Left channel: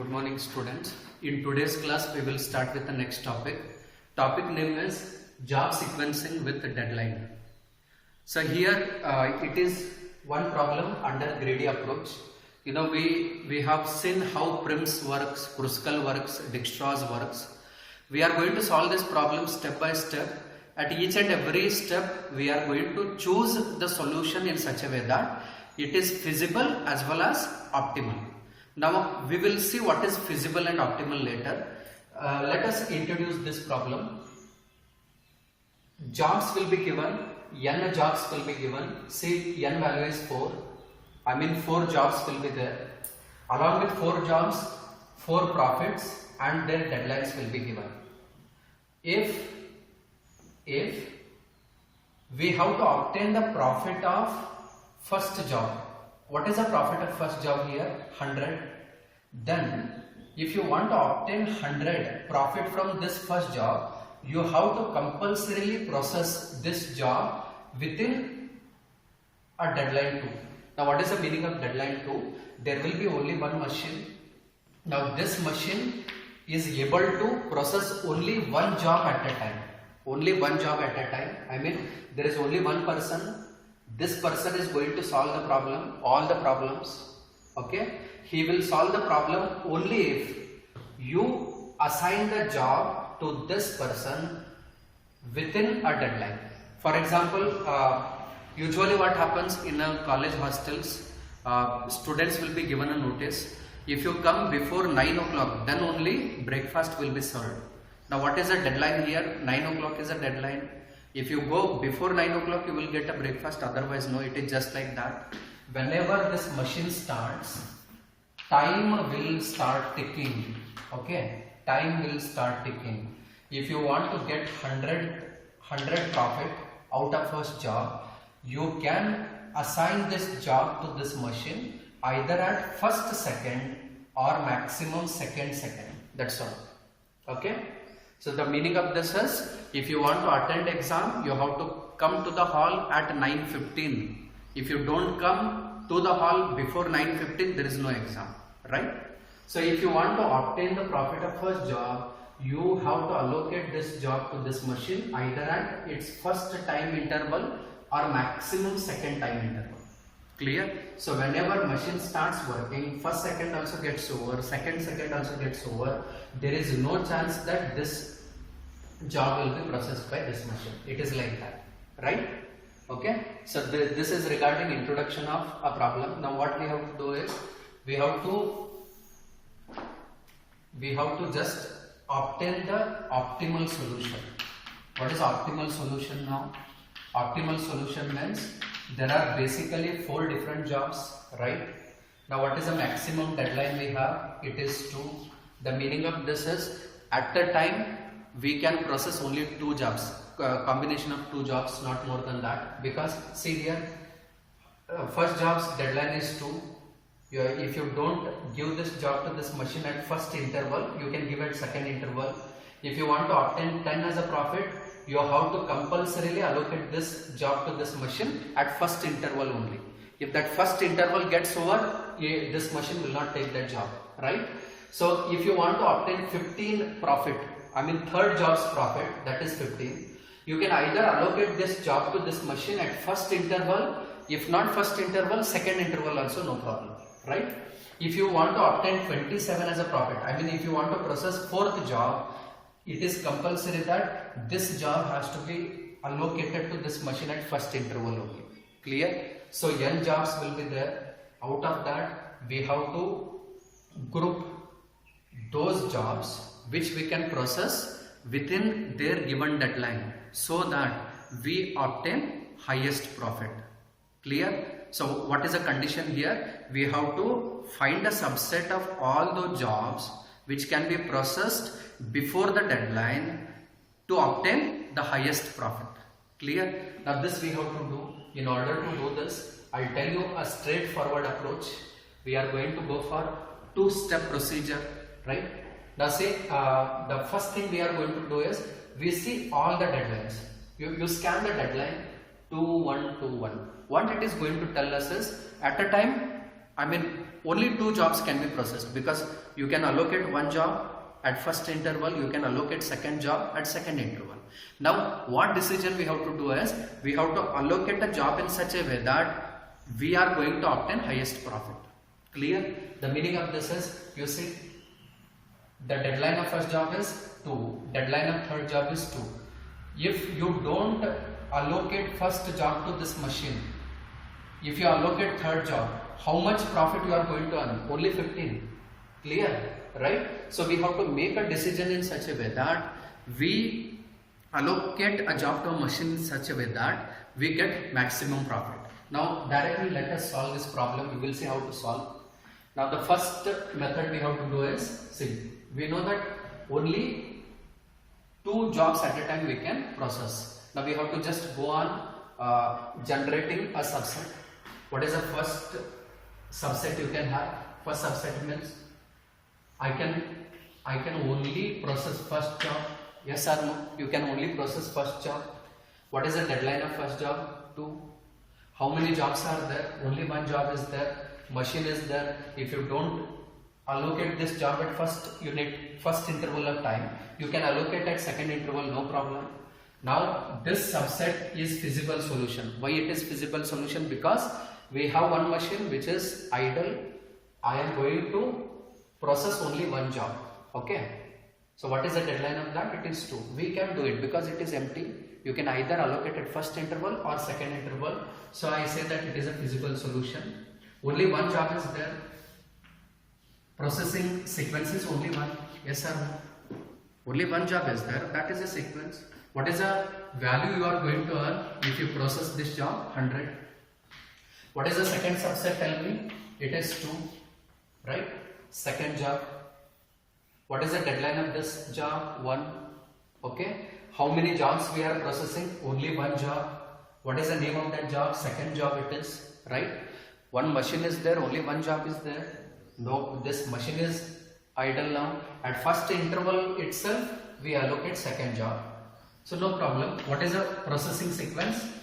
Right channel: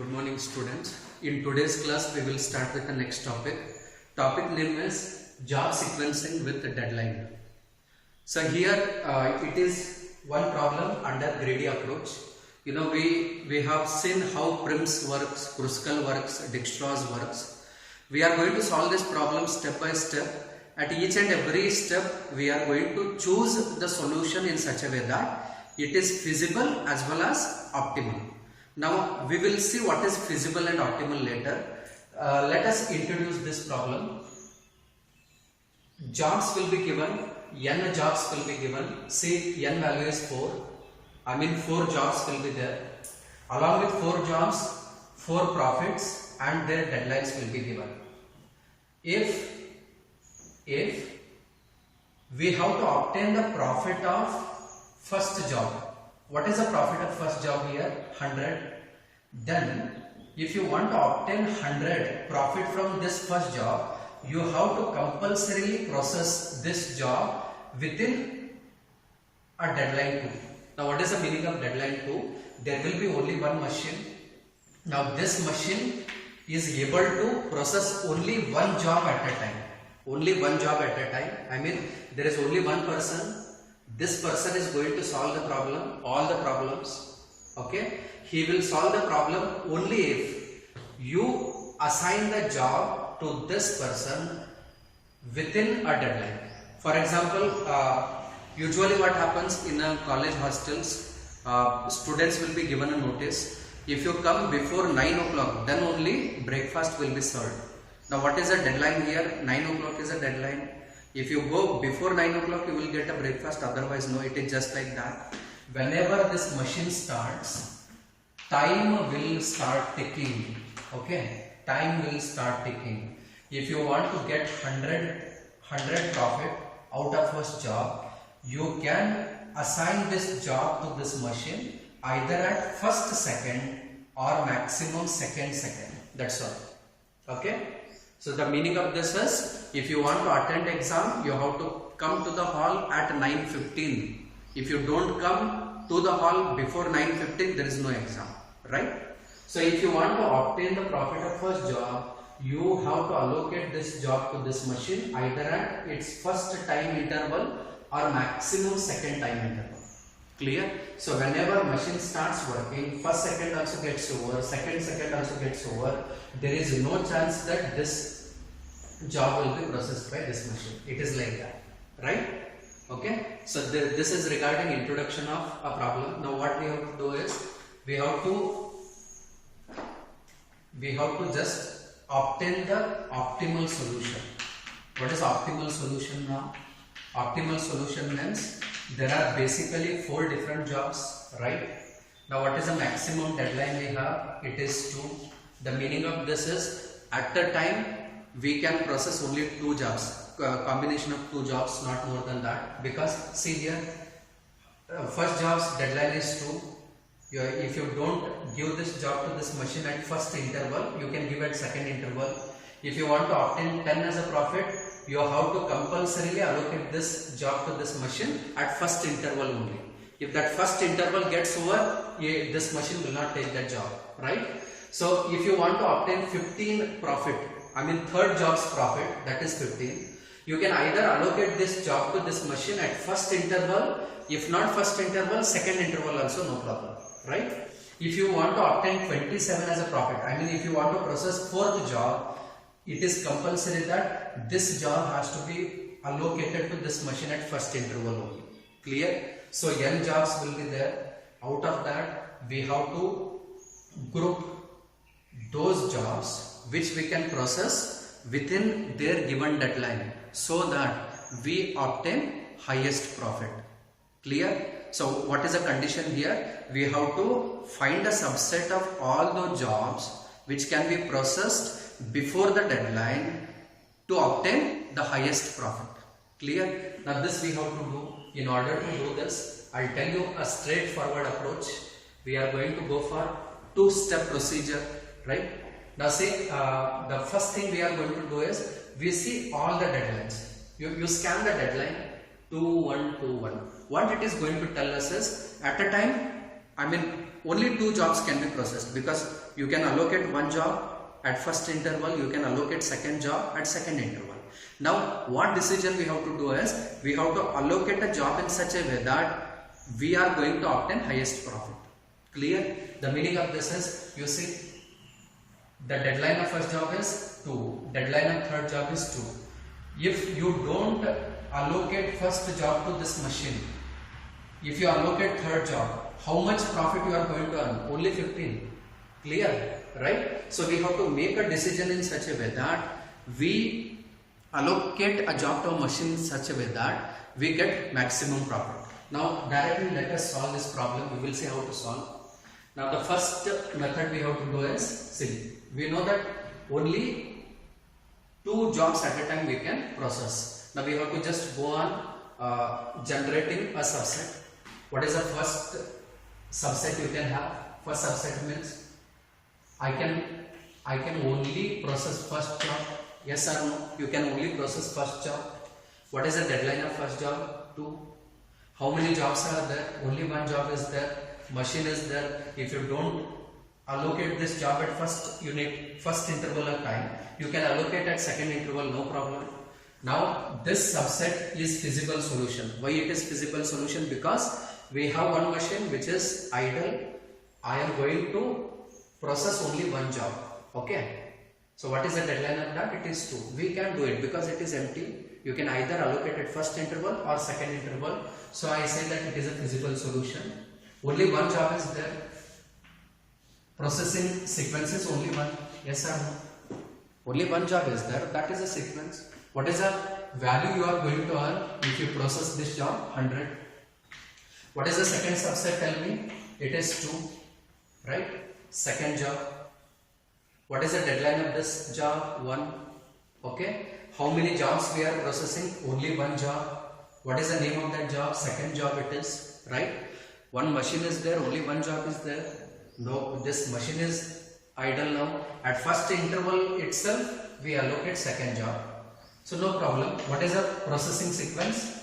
Good morning students. In today's class we will start with the next topic. Topic name is job sequencing with deadline. So here it is one problem under greedy approach. You know we have seen how Prim's works, Kruskal works, Dijkstra's works. We are going to solve this problem step by step. At each and every step we are going to choose the solution in such a way that it is feasible as well as optimal. Now we will see what is feasible and optimal later. Let us introduce this problem. Jobs will be given, n jobs will be given. See, n value is 4. I mean 4 jobs will be there. Along with 4 jobs, 4 profits and their deadlines will be given. If we have to obtain the profit of first job, what is the profit of first job here? 100. Then if you want to obtain 100 profit from this first job, you have to compulsorily process this job within a deadline 2. Now what is the meaning of deadline 2? There will be only one machine. Now this machine is able to process only one job at a time. Only one job at a time. I mean there is only one person. This person is going to solve the problem, all the problems. Okay, he will solve the problem only if you assign the job to this person within a deadline. For example, usually what happens in a college hostels, students will be given a notice. If you come before 9 o'clock, then only breakfast will be served. Now what is the deadline here? 9 o'clock is a deadline. If you go before 9 o'clock, you will get a breakfast, otherwise no, it is just like that. Whenever this machine starts, time will start ticking. Okay, time will start ticking. If you want to get 100 profit out of first job, you can assign this job to this machine either at first second or maximum second. That's all. Okay. So the meaning of this is, if you want to attend exam, you have to come to the hall at 9:15. If you don't come to the hall before 9:15, there is no exam, right? So if you want to obtain the profit of first job, you have to allocate this job to this machine either at its first time interval or maximum second time interval. Clear? So whenever machine starts working, first second also gets over, second also gets over, there is no chance that this job will be processed by this machine. It is like that, right? Okay. So this is regarding introduction of a problem. Now what we have to do is, we have to just obtain the optimal solution. What is optimal solution now? Optimal solution means there are basically 4 different jobs, right? Now what is the maximum deadline we have? It is 2. The meaning of this is, at the time we can process only 2 jobs, combination of 2 jobs, not more than that, because see here, first job's deadline is 2. If you don't give this job to this machine at first interval, you can give at second interval. If you want to obtain 10 as a profit, you have to compulsorily allocate this job to this machine at first interval only. If that first interval gets over, this machine will not take that job, right? So if you want to obtain 15 profit, I mean third job's profit, that is 15, you can either allocate this job to this machine at first interval, if not first interval, second interval also, no problem, right? If you want to obtain 27 as a profit, I mean if you want to process fourth job, it is compulsory that this job has to be allocated to this machine at first interval only. Clear? So n jobs will be there. Out of that, we have to group those jobs which we can process within their given deadline, so that we obtain highest profit. Clear? So what is the condition here? We have to find a subset of all those jobs which can be processed before the deadline to obtain the highest profit. Clear? Now this we have to do. In order to do this, I'll tell you a straightforward approach. We are going to go for 2-step procedure, right? Now say the first thing we are going to do is, we see all the deadlines. You scan the deadline 2121. What it is going to tell us is, at a time, I mean only 2 jobs can be processed, because you can allocate one job at first interval, you can allocate second job at second interval. Now what decision we have to do is, we have to allocate a job in such a way that we are going to obtain highest profit. Clear? The meaning of this is, you see, the deadline of first job is 2, deadline of third job is 2. If you don't allocate first job to this machine, if you allocate third job, how much profit you are going to earn? Only 15. Clear? Right? So we have to make a decision in such a way that we allocate a job to a machine in such a way that we get maximum profit. Now directly let us solve this problem. We will see how to solve. Now the first method we have to do is, see, we know that only 2 jobs at a time we can process. Now we have to just go on generating a subset. What is the first subset you can have? First subset means I can only process first job. Yes or no? You can only process first job. What is the deadline of first job? 2. How many jobs are there? Only one job is there. Machine is there. If you don't allocate this job at first unit, first interval of time, you can allocate at second interval, no problem. Now this subset is feasible solution. Why it is feasible solution? Because we have one machine which is idle. I am going to process only one job. Okay. So what is the deadline of that? It is 2. We can do it because it is empty. You can either allocate at first interval or second interval. So I say that it is a feasible solution. Only one job is there. Processing sequence is only one. Yes or no? Only one job is there. That is a sequence. What is the value you are going to earn if you process this job? 100. What is the second subset? Tell me. It is 2. Right? Second job. What is the deadline of this job? 1. Okay. How many jobs we are processing? Only one job. What is the name of that job? Second job it is. Right? One machine is there. Only one job is there. No, this machine is idle now. At first interval itself, we allocate second job. So no problem. What is the processing sequence?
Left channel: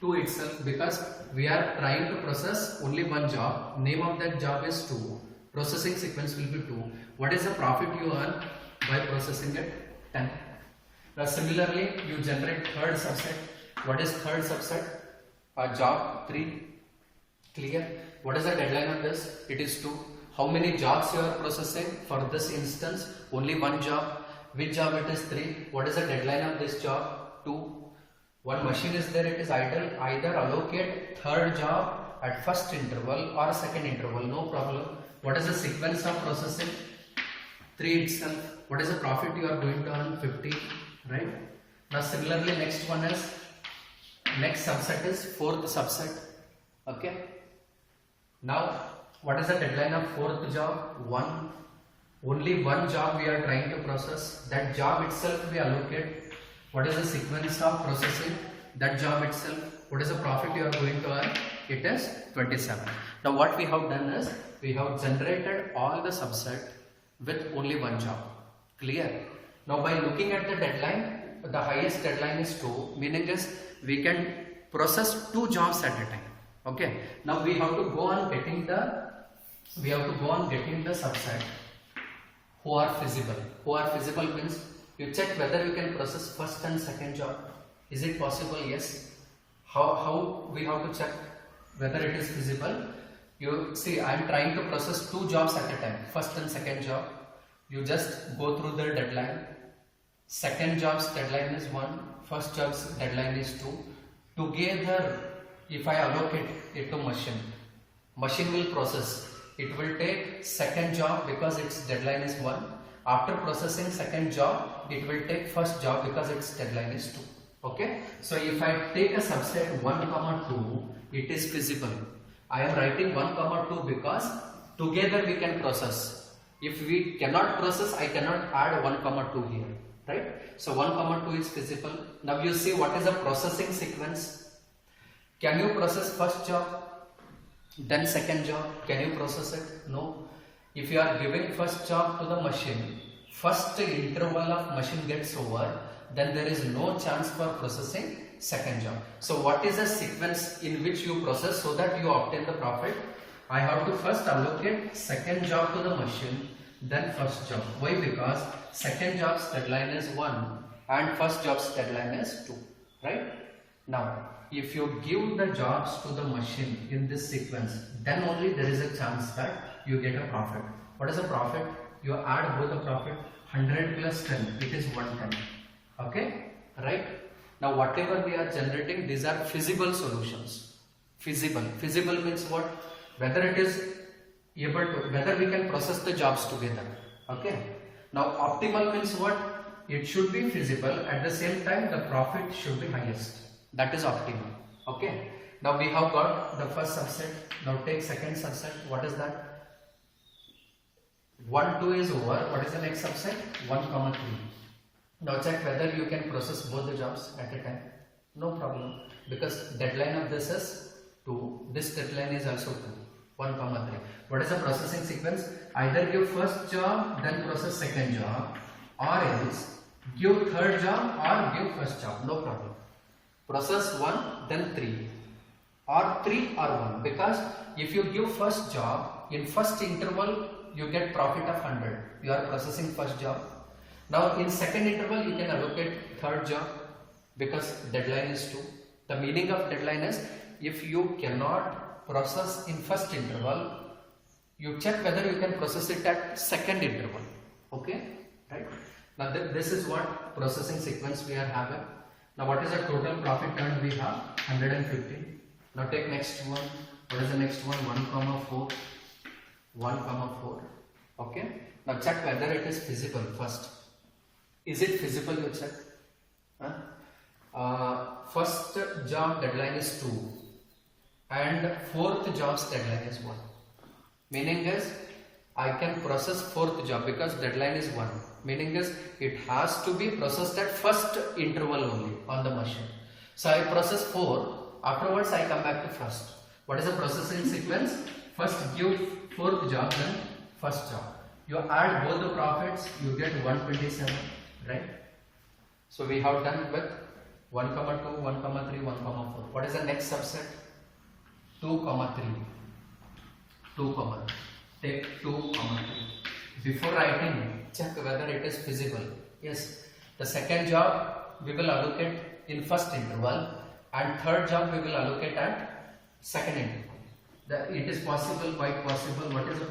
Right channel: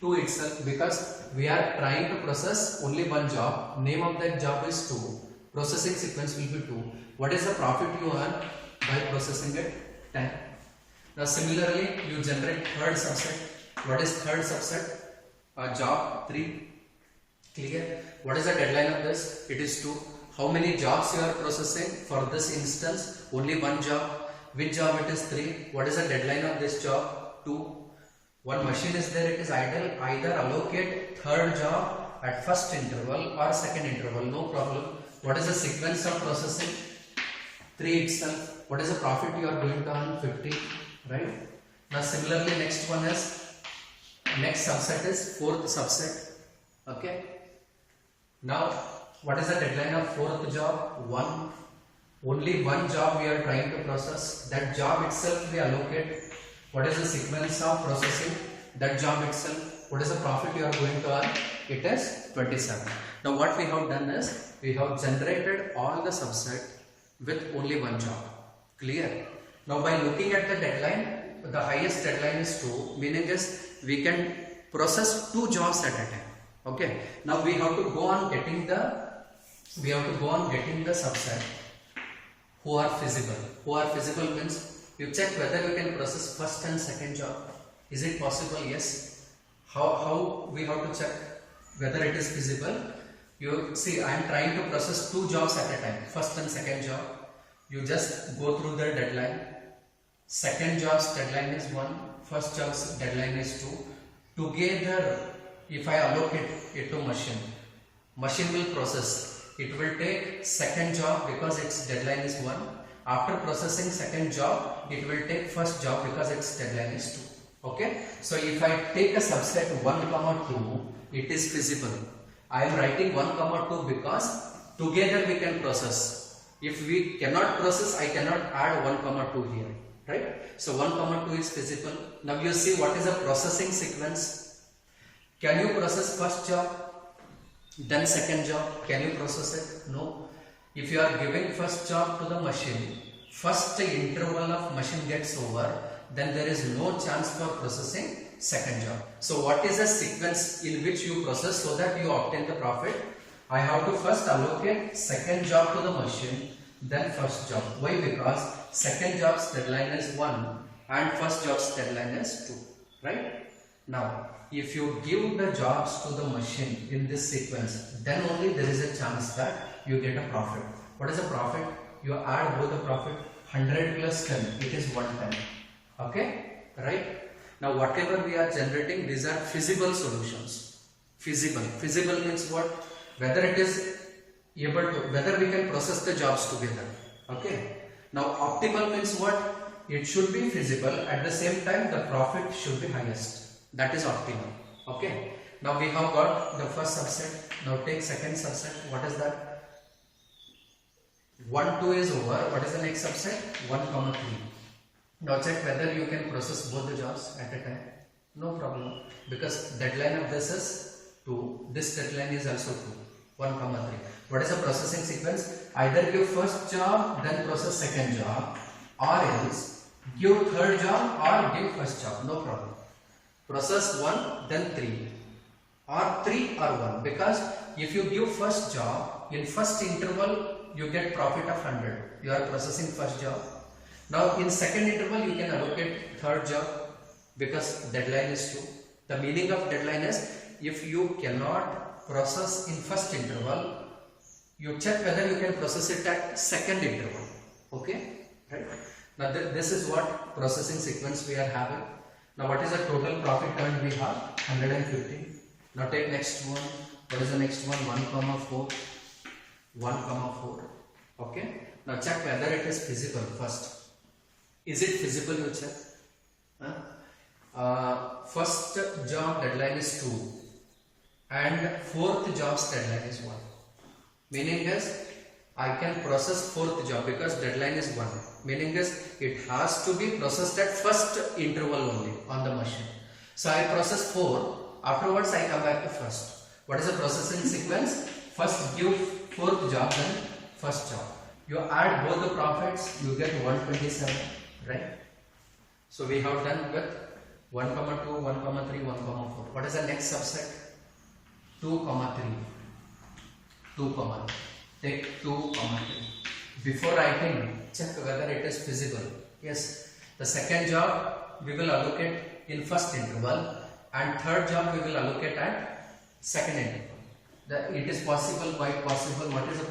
2 itself, because we are trying to process only one job. Name of that job is 2. Processing sequence will be 2. What is the profit you earn by processing it? 10. Now similarly, you generate third subset. What is third subset? A job 3. Clear? What is the deadline of this? It is 2. How many jobs you are processing? For this instance, only one job. Which job it is? 3. What is the deadline of this job? 2. One machine is there, it is idle. Either allocate third job at first interval or second interval, no problem. What is the sequence of processing? 3 itself. What is the profit you are going to earn? 50. Right? Now similarly, next one is, next subset is fourth subset. Okay. Now what is the deadline of fourth job? 1. Only one job we are trying to process. That job itself we allocate. What is the sequence of processing? That job itself. What is the profit you are going to earn? It is 27. Now what we have done is, we have generated all the subset with only one job. Clear? Now by looking at the deadline, the highest deadline is 2, meaning is we can process 2 jobs at a time. Okay. Now we have to go on getting the subset who are feasible. Who are feasible means you check whether you can process first and second job. Is it possible? Yes. How we have to check whether it is feasible? You see, I am trying to process 2 jobs at a time, first and second job. You just go through the deadline. Second job's deadline is 1, first job's deadline is 2. Together, if I allocate it to machine will process. It will take second job because its deadline is 1. After processing second job, it will take first job because its deadline is 2. Okay. So if I take a subset 1, 2, it is feasible. I am writing 1, 2 because together we can process. If we cannot process, I cannot add 1, 2 here. Right? So 1, 2 is feasible. Now you see what is the processing sequence. Can you process first job, then second job? Can you process it? No. If you are giving first job to the machine, first interval of machine gets over, then there is no chance for processing second job. So what is the sequence in which you process so that you obtain the profit? I have to first allocate second job to the machine, then first job. Why? Because second job's deadline is 1 and first job's deadline is 2, right? Now, if you give the jobs to the machine in this sequence, then only there is a chance that you get a profit. What is a profit? You add both the profit, 100 plus 10, it is 110. Okay, right? Now whatever we are generating, these are feasible solutions. Feasible means what? Whether it is able to, whether we can process the jobs together. Okay. Now optimal means what? It should be feasible, at the same time the profit should be highest. That is optimal. Okay. Now we have got the first subset. Now take second subset. What is that? 1, 2 is over. What is the next subset? 1, 3. Now check whether you can process both the jobs at a time. No problem, because deadline of this is 2. This deadline is also 2. 1, 3. What is the processing sequence? Either give first job, then process second job, or else give third job or give first job. No problem. Process 1, then 3, or 3 or 1. Because if you give first job, in first interval you get profit of 100. You are processing first job. Now in second interval you can allocate third job because deadline is 2. The meaning of deadline is if you cannot process in first interval, you check whether you can process it at second interval. Okay, right? Now this is what processing sequence we are having. Now what is the total profit earned? We have 115. Now take next one. What is the next one? 1, 4. 1, 4. Okay. Now check whether it is feasible first. Is it feasible? You check. First job deadline is 2 and fourth job's deadline is 1. Meaning is I can process fourth job because deadline is 1. Meaning is it has to be processed at first interval only on the machine. So I process 4. Afterwards I come back to first. What is the processing sequence? First give fourth job, then first job. You add both the profits, you get 127, right? So we have done with 1, 2, 1, 3, 1, 4. What is the next subset? 2, 3. 2, take 2, 3. Before writing, check whether it is feasible. Yes, the second job we will allocate in first interval and third job we will allocate at second interval. It is possible, quite possible. What is the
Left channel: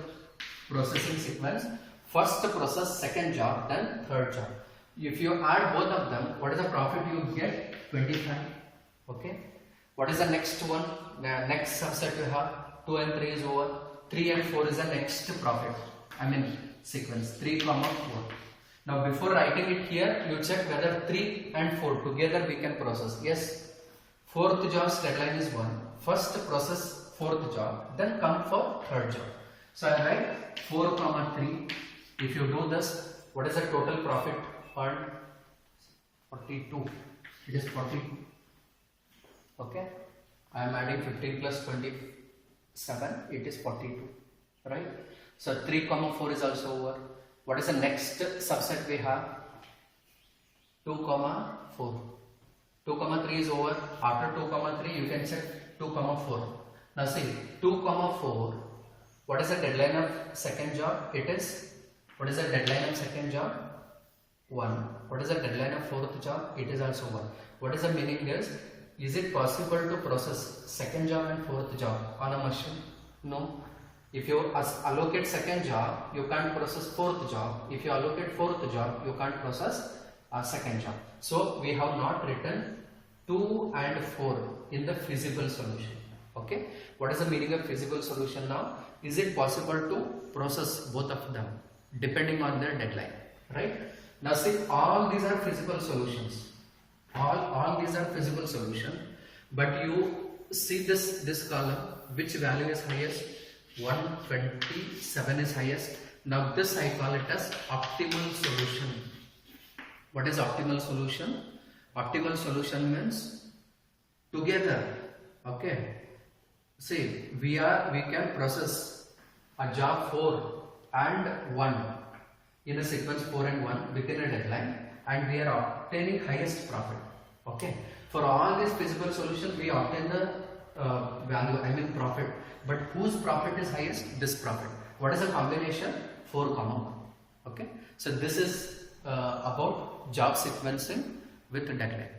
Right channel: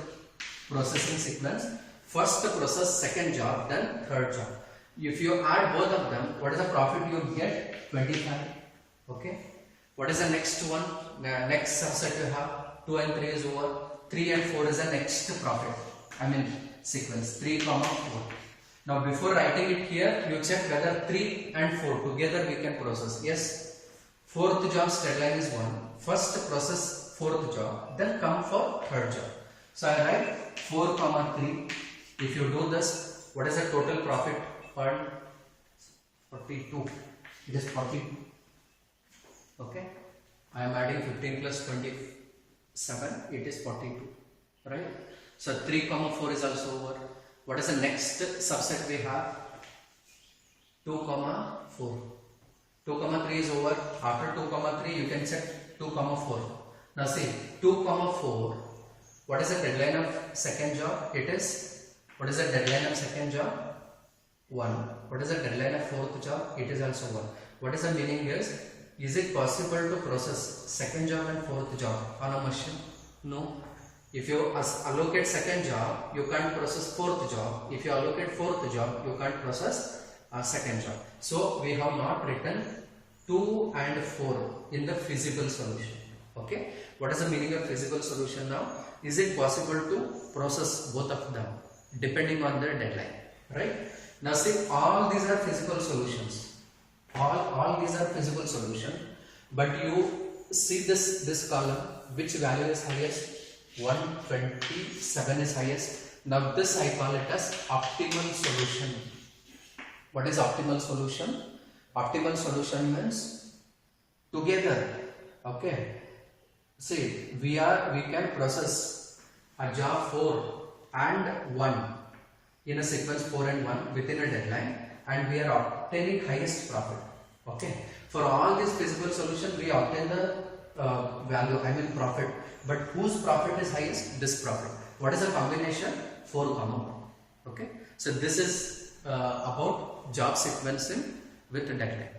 processing sequence? First process second job, then third job. If you add both of them, what is the profit you get? 25. Okay. What is the next one? The next subset you have 2 and 3 is over. 3 and 4 is the next profit. I mean sequence 3, 4. Now before writing it here, you check whether 3 and 4 together we can process. Yes. Fourth job's deadline is 1. First process fourth job, then come for third job. So I write 4, 3. If you do this, what is the total profit earned? 42. It is 42. Okay. I am adding 15 plus 27. It is 42. Right. So 3, 4 is also over. What is the next subset we have? 2, 4. 2, 3 is over. After 2, 3, you can check 2, 4. Now see 2, 4. What is the deadline of second job? It is. What is the deadline of second job? 1. What is the deadline of fourth job? It is also 1. What is the meaning is it possible to process second job and fourth job on a machine? No. If you allocate second job, you can't process fourth job. If you allocate fourth job, you can't process second job. So we have not written 2 and 4 in the feasible solution. Okay. What is the meaning of feasible solution now? Is it possible to process both of them depending on their deadline? Right. Now see, all these are feasible solutions. All these are feasible solutions. But you see this column, which value is highest? 127 is highest. Now this I call it as optimal solution. What is optimal solution? Optimal solution means together. Okay. See, we can process a job 4 and 1 in a sequence 4 and 1 within a deadline, and we are obtaining highest profit. Okay. For all these feasible solution, we obtain the value, I mean profit, but whose profit is highest? This profit. What is the combination? 4, 1. Okay, so this is about job sequencing with deadline.